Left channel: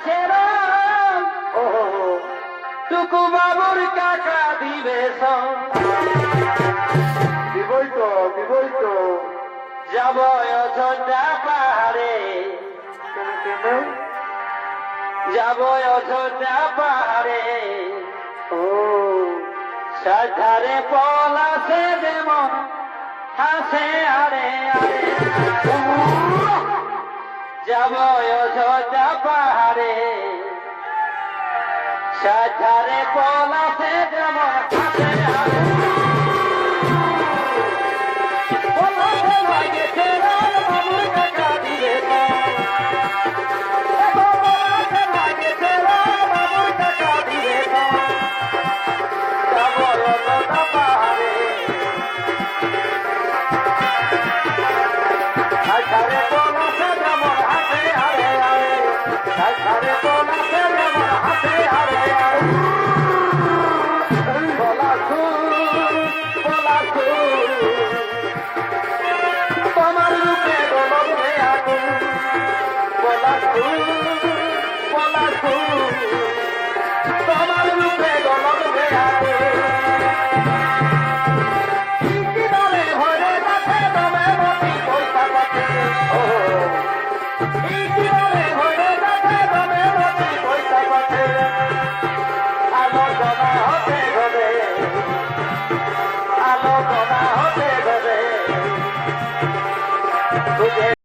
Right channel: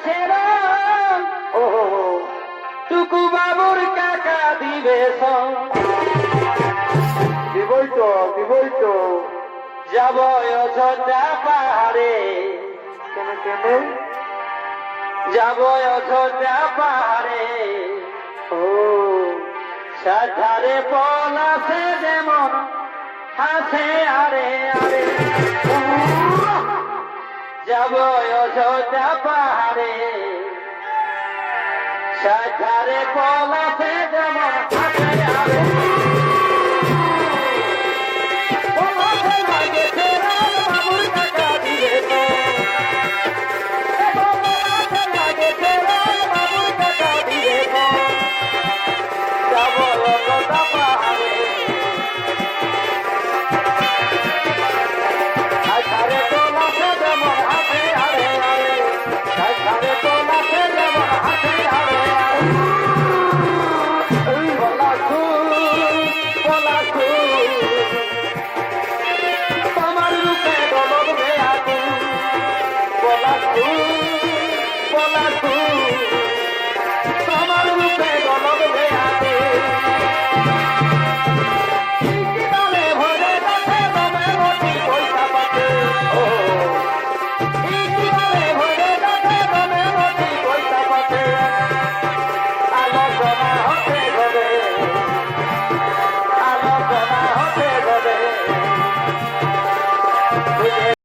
গেছে ও টুকু বাবুর কাকা দিবে দিবই তো যাব অযোধ্যা পাহাড়ে যাব অযোধ্যা পাহাড়ে ও সাধারে পলাশে যেমন হাসে আরে আরে যাব অযোধ্যা পাহাড়ে সাধারে পলাশে যেমন হাসে আরে তোমার রূপে গলব হয়ে